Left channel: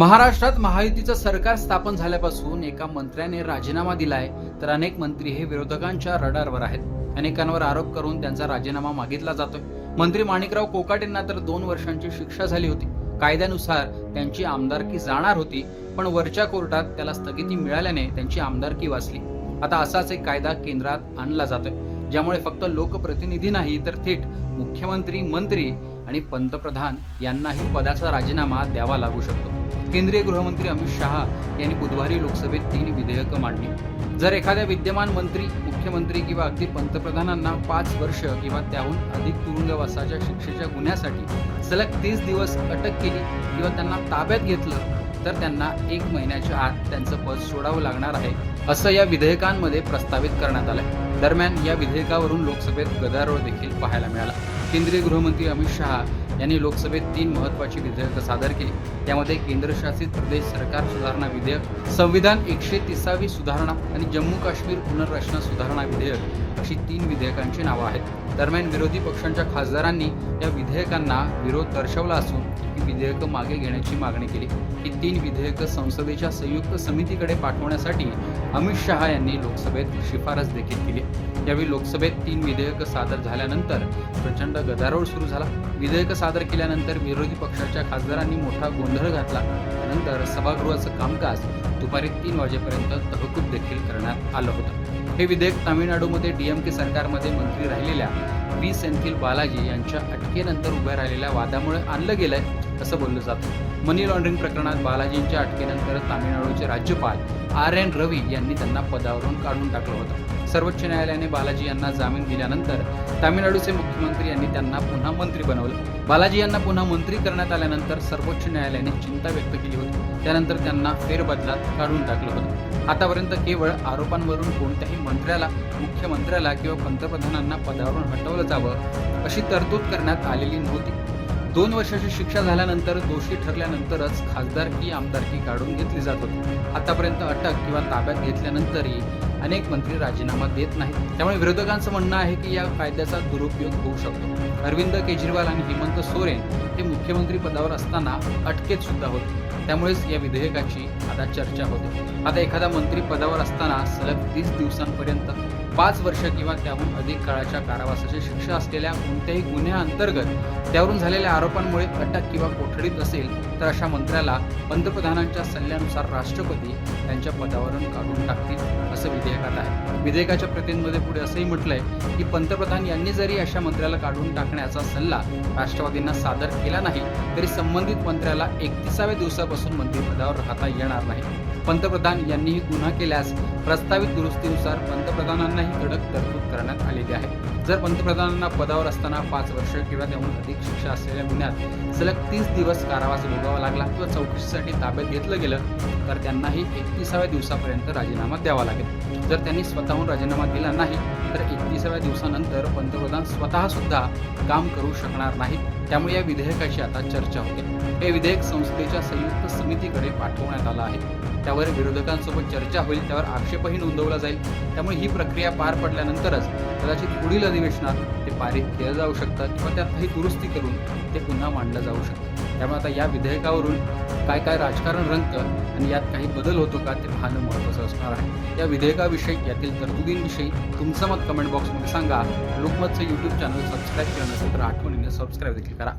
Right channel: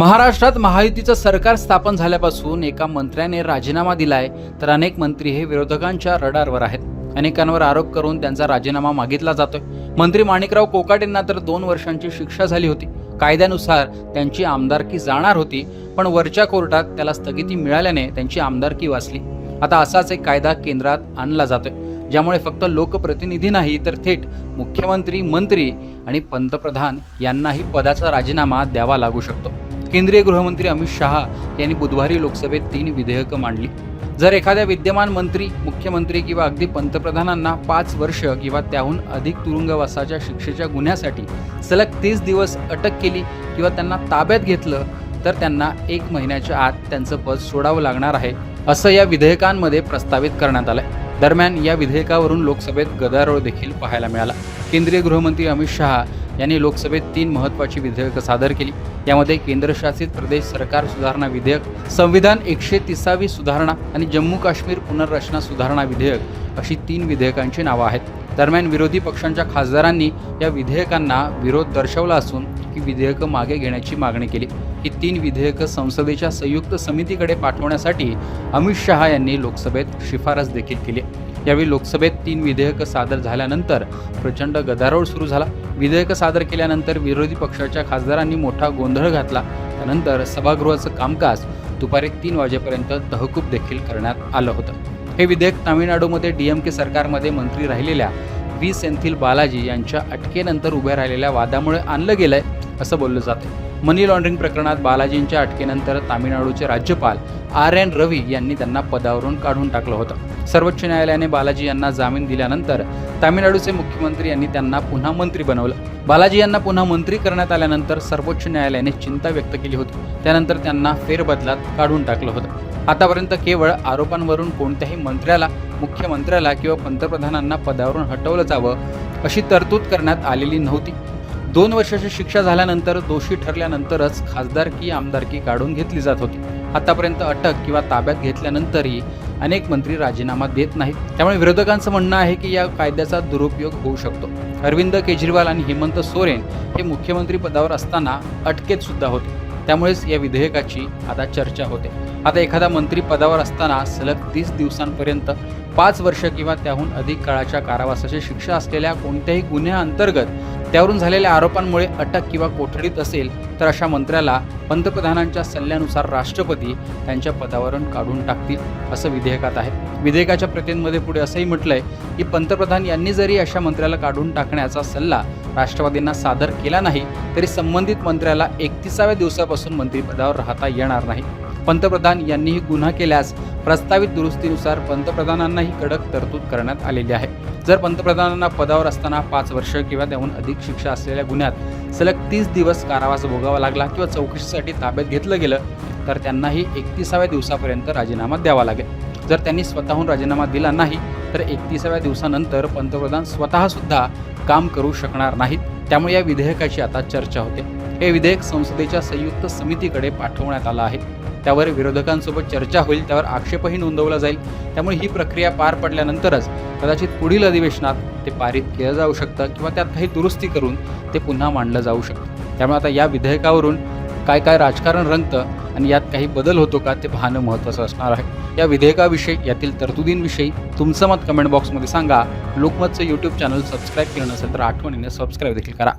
महाराष्ट्रात महायुतीचं सरकार स्थापन झाल्यापासून एका मंत्र्याने राजीनामा दिलाय तर अनेक मंत्री हे विरोधकांच्या रडारवर आहेत. अनेकांवर आरोप करून त्यांचा राजीनामा मागितला जातोय. मंत्री माणिकराव कोकाटेंना तर दोन वर्षांची शिक्षा झाली होती. कायद्यानुसार त्यांची आमदारकी जाणार होती पण वरच्या कोर्टात त्याला स्थगिती मिळाल्याने त्यांची आमदारकी वाचली. आता असाच एक कायदा केंद्रात आणला जातोय ज्यामुळे फक्त लोकप्रतिनिधी नाही तर थेट मुख्यमंत्री मंत्री आणि पंतप्रधान यांनाही पदाचा राजीनामा द्यावा लागू शकतो. केंद्रीय गृहमंत्री अमित शहा यांनी बुधवारी लोकसभेत तीन विधेयकं मांडली. जर एखाद्या विद्यमान मंत्री मुख्यमंत्री किंवा अगदी पंतप्रधानांना पाच वर्ष किंवा त्याहून अधिक तुरुंगवासाच्या शिक्षेच्या गुन्ह्यासाठी सलग तीस दिवस अटक केली किंवा त्यांना ताब्यात घेतलं तर त्यांना एक महिन्याच्या आत त्यांचं पद सोडावं लागणार आहे असं या विधेयकांमध्ये प्रस्तावित करण्यात आलंय. दरम्यान या विधेयकावरून लोकसभेत गदारोळ देखील पाहायला मिळाला. केंद्रीय गृहमंत्री अमित शहा यांनी लोकसभेत तीन महत्त्वाची विधेयकं सादर केली. यामध्ये केंद्रशासित प्रदेश सरकार सुधारणा विधेयक संविधान एकशे तिसावी सुधारणा आणि जम्मू काश्मीर पुनर्रचना सुधारणा विधेयक अशी तीन विधेयकांची नावं आहेत. दरम्यान विरोधी पक्षांच्या खासदारांनी या विधेयकांना विरोध दर्शवला असून ही विधेयकं मागे घेण्याची मागणी केली. ही तीन विधेयकं संसदेच्या संयुक्त समितीकडे पाठवण्यासाठी अमित शहा यांनी लोकसभेत शिफारस देखील केली. यावेळी लोकसभेत तीन विधेयकं सादर झाल्यानंतर प्रचंड गदारोळ सुरू झाला. विधेयकं सादर केल्यानंतर विरोधी पक्षाच्या खासदारांनी मोठा गोंधळ घातला. नंतर सभागृहाचं कामकाज दुपारी तीन वाजेपर्यंत तहकूब देखील करण्यात आलं होतं. हे विधेयक तामिळनाडूमध्ये डी एम के सरकारमध्ये मंत्री राहिलेल्या व्ही सेंथिल बालाजी यांच्या अटकेनंतर उभ्या राहिलेल्या वादामुळे आणलं गेलंय असं बोललं जातं. मनी लॉन्ड्रिंग प्रकरणात बालाजींच्या अटकेनंतर तामिळनाडूचे राज्यपाल आर एन रवी यांनी त्यांना पदावरून काढून टाकलं होतं. सर्वोच्च न्यायालयाने बालाजी यांना जामीन दिल्यानंतर तामिळनाडूचे मुख्यमंत्री यांनी त्यांना पुन्हा मंत्री बनवलं. बालाजी यांना पुन्हा मंत्री करण्यात आल्यानंतर सर्वोच्च न्यायालयाने चिंता व्यक्त केली होती. त्यानंतर त्यांना फेरबदलात काढून टाकलं होतं. आतापर्यंत केवळ आरोपांवरून कोणत्याही मंत्र्याला मुख्यमंत्र्याला किंवा पंतप्रधानांना पदावरून हटवलं जावं अशी तरतूद करण्यात आलेली नव्हती. दोन वर्षाची शिक्षा झाल्यानंतर दोषी ठरल्यानंतरच खासदारकी आमदारकी काढून घेतली जात होती. आतापर्यंत अटक किंवा ताब्यात घेतल्यानंतरही अनेक मंत्री राजीनामा देत नाहीत. त्यामुळे विरोधकांचं म्हणणं आहे की या कायद्याचा दुरुपयोग होऊ शकतो. अरविंद केजरीवाल आणि हेमंत सोरेन हे मुख्यमंत्री पदावर असताना अटकेत सुद्धा होते. त्यामुळेच या विधेयकाची आता चर्चा होते. आता एखादा मंत्री पदावर असताना सलग तीस दिवसांपर्यंत पाच वर्ष किंवा त्याहून अधिक काळाच्या कारावासाची शिक्षा असलेल्या कोणत्याही गुन्ह्याअंतर्गत त्यावरून झालेल्या आरोपांमुळे अटक किंवा कोठडीत असेल तर अशा मंत्र्याला पंतप्रधानांच्या सल्ल्यानुसार राष्ट्रपती त्यांच्या पदावरून काढून टाकतील असं विधेयकात आहे विधेयकाच्या प्रतींमध्ये पुढे असंही म्हटलंय की पंतप्रधान यांनी जरी अशा मंत्र्याला काढून टाकण्याचा सल्ला राष्ट्रवादींना सादर केला नाही तरी संबंधित मंत्र्याला एकतीसाव्या दिवसापासून मंत्रिपदावर राहता येणार नाही. पंतप्रधान यांनीही गुन्हा केल्यास प्रस्तावित दुरुस्तीनुसार पंतप्रधानांनाही कडक तरतूद करण्यात आलेली आहे. जर पंतप्रधानांना पदावर असताना पाच वर्ष किंवा त्याहून अधिक शिक्षा असलेल्या गुन्ह्यात सलग तीस दिवस कारावास भोगावा लागला किंवा चौकशीसाठी ताब्यात घेतलं गेलं तर त्यांनाही एकतीसाव्या दिवसापर्यंत राजीनामा द्यावा लागेल. जर त्यांनी स्वतःहून राजीनामा दिला नाही तर एकतीसाव्या दिवसानंतर पंतप्रधान स्वतःसुद्धा काम करू शकणार नाहीत. त्यामुळे या विधेयकाची आता चर्चा होते. हे विधेयक संसदेच्या संयुक्त समितीकडे पाठवण्यात आलं आहे. त्यावर विरोधकांसोबत चर्चा होईल त्यावर आक्षेपही नोंदवला जाईल. त्यामुळे ही प्रक्रिया पार पडल्यानंतरच कदाचित पुढील अधिवेशनात ते पारित केलं जाऊ शकतं किंवा त्यात काही दुरुस्ती करून ते पुन्हा मांडलं जाऊ शकतं. त्यामुळे आता या विधेयकावरून काय काय राजकारण रंगतं आणि यात काही बदल होतो का ते पाहणं महत्त्वाचं असणार आहे. या विधेयकाविषयी यातील तरतुदींविषयी तुमचं मत कमेंट बॉक्समध्ये सांगा. लोकमतचं यूट्यूब चॅनल सबस्क्राईब केलं नसेल तर आठवणीने सबस्क्राईब देखील करा.